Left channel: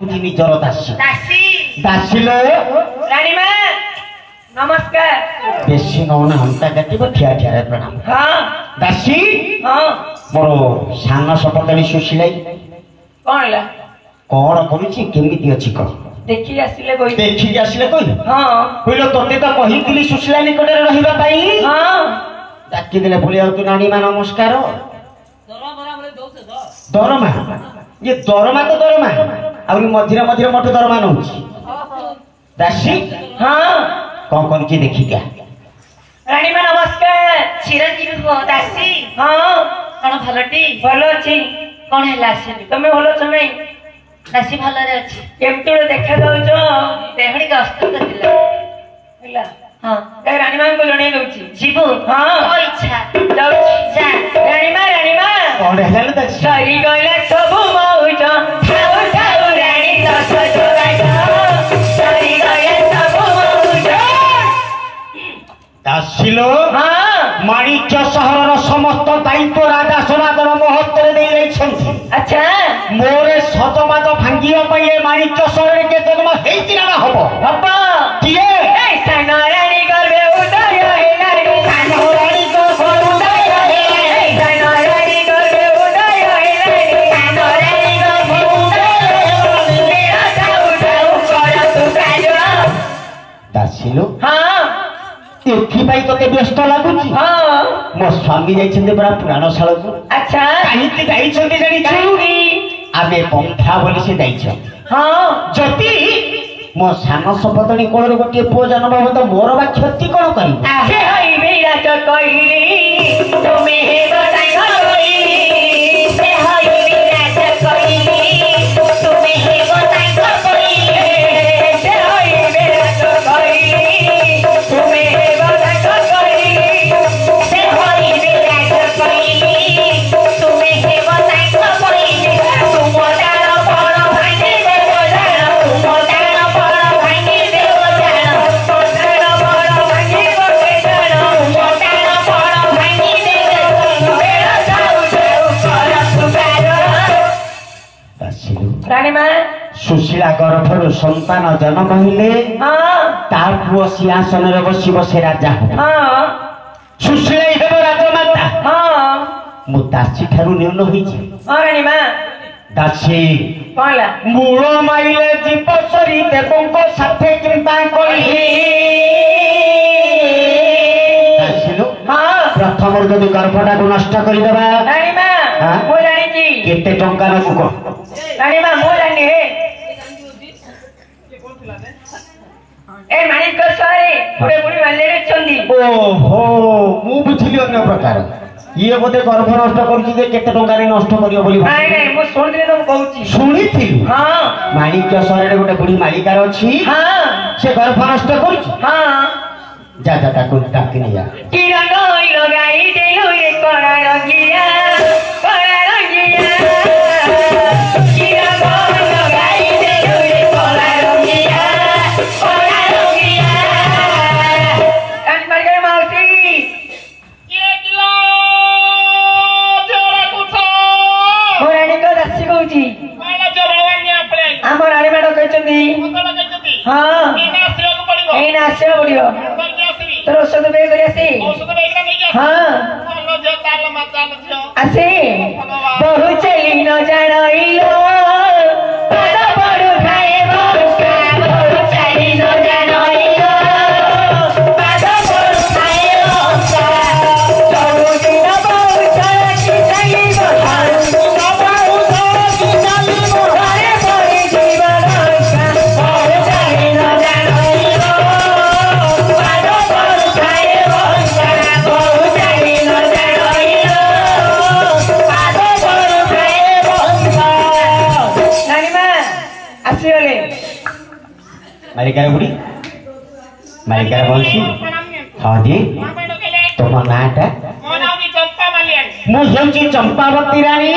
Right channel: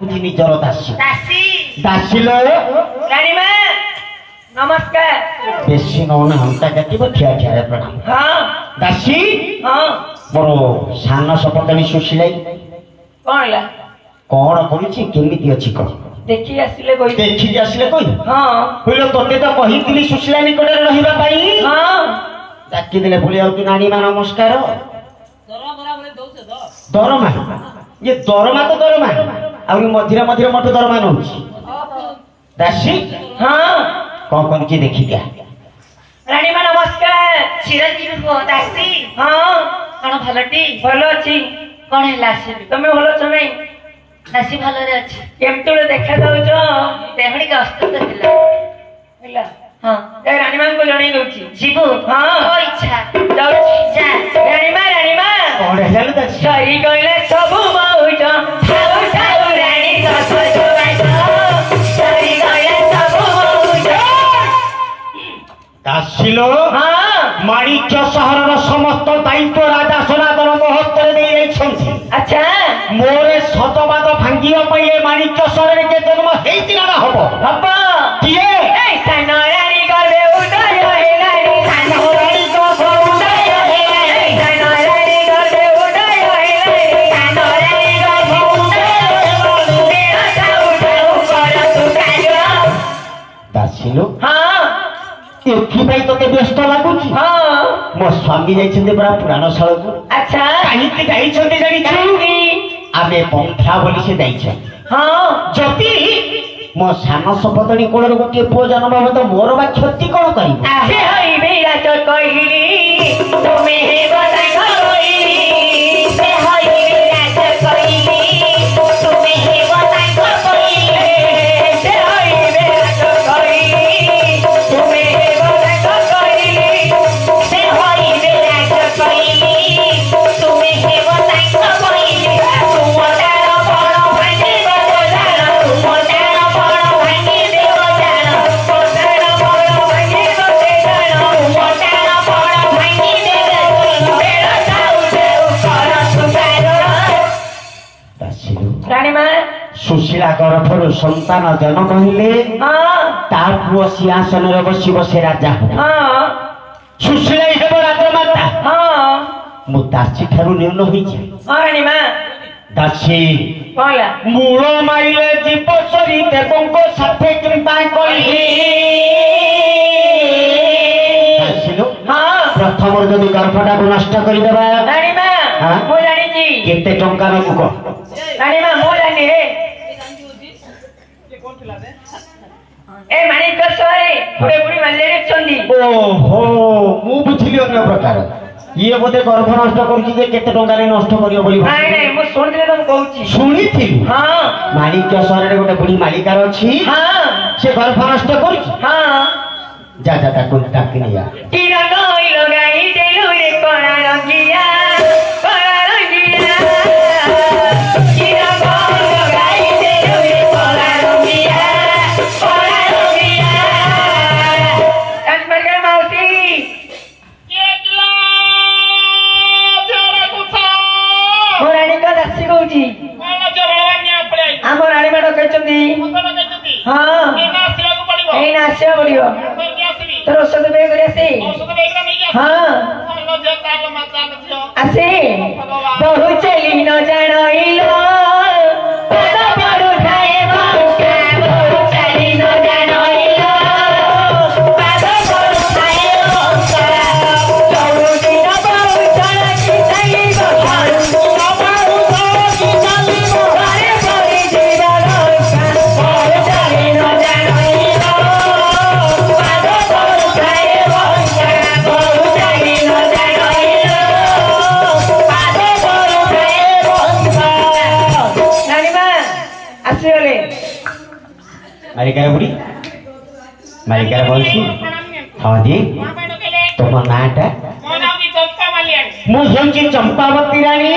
निजर दासी दासी दासी लो रानी मां नमस्कार। बेसी नौने हमता काटिब ठिया ठिया प्रणाम। हाँ दासी हाँ मोर सान सपतणी सुशीलाई कौन है कौन करूची केमिति अछि क देखी आसिले कोई देखि आसिले कोई हाँ होइलो तोते तो कहितिली सुशीला निकटरे रहिबा पई हाँ डाकी दिले बोली आउ तू नानी मा नमस्कार दरमा ये दरमा तो दरमा आउरी मझिरे मझिरे मोट दरमा नउची दासी हाँ कौन कौन की देखी क्या रानी मां नमस्कार। चिरंजीवी को दासी हाँ कौन भलटी भलो अछि कौन है लासी तमे भलो छ नै दासी भलरे अछि केमती देखा जाउछ देहड़ी का अस्तक दिला हैला हां ए रानी मां को जणै दउची जीवु हाँ ओ इच्छा जाउची जा रानी मां कौन है जाने दासी सरी गइले सब मौज ठाउ ठाउ रानी दस जोगाइ सरी गइले सब मौज दासी लो हाँ माणिक्य सहरर समस्त दायित्व राजा सनातन महत्व दे अच्छा मोरे सतबाद भांगिया पई ए माणिक्य सहरर के जन्म हेइतिला ना हबो बाबा किए ए सनरानी गर्भे उदय हेलानी सनरानी गर्भे उदय हेलानी सनरानी गर्भे उदय हेलानी सनरानी गर्भे उदय हेलानी मेरा साउ साउ कर तू काजो दासी लो हाँ एथिपाई तोते व्यस्त लागुची हाँ मो स्वामी जाइछन्ते बड़ा पुराण शाला को अच्छा काहिते जाइछन्ते जानि काहिंकी आमे पंथा बोली से जाइछ हाँ जति मो सान सपतणी कोलर गोटे पुओ जन्म हो तो मोर बा क्षति कोन करिवो से हई विराट कहिली तुमे हे बताई कहिली से हई विराट कहिली तुमे हे बताई कहिली से हई विराट कहिली तुमे हे बताई कहिली से हई विराट कहिली तुमे हे बताई कहिली तुमटार बड़ भांगी देव जान तुमटार बड़ भांगी देव जान तुमटार बड़ भांगी बटे जान तुमटार बड़ भांगी देव बेड़ा जाऊ जाऊ कर सुपारो दासी लो रानी मां सुशीला गर्भर संतान जन्म हेले हाँ तार पुओ सिंहासन रे बसिबो से राजा हो हाँ सुशीला हेबो राजमाता हाँ मु दासी ठारू न्यून होइछि हाँ रानी मां दासी कौन ला मूल माइले जीव सरी देवंको साथे कृपा करी दासी लो हाँ प्रथम जदि गर्भटा को नष्ट कर देबा रानी मां हाँ? मु जानिछि केते टंका नकु को रानी मां मु जानि हे ए माणिक सरे पुरे पुरी मानले चंदी ओहो मु बुझिली अन्य प्रकार ये बोधे गर्भ नष्ट करछि जे केते टंका रे नष्ट करियो बोली नहीं नहीं मु सुनले तुम कहूची सुनिथिलु हाँ माणिक्य सहरे गोटे बुढ़ी मालिकार अछि हाँ से गर्भ नष्ट करछि हाँ जा जा ताकू ताकि निया किरण लगाई देलु रे कड़ा रंगिया किरण लगाई देलु रे कड़ा रंगिया कान पर गए मौसी ମୋ ରାଣୀ କ ଦାସୀ କହୁଛି ଆମ ରାଣୀ ମାଡ କହିଛନ୍ତି ହଁ ଏଇନା ଆସିବାକୁ ପଡିବ ତୋର ଔଷଧ ବେଗ କରି ଆସି ହଁ ଆସି ବହୁ ଚାଲି ନ ଜାଣିଲ ପାଦ ପଡୁ ଖାଏ ବଙ୍କା ବହୁ ଚାଲି ନ ଜାଣିଲ ପାଦ ପଡୁ ଖାଏ ବଙ୍କା ଚଉଦିନ ବହୁ ଚଳକି ଚାଲିବ ଘରୁ मालिकार बुढ़ी मालिकार बंशी हाँ जी तुम नाटा मु हेउची चंपावती रानी।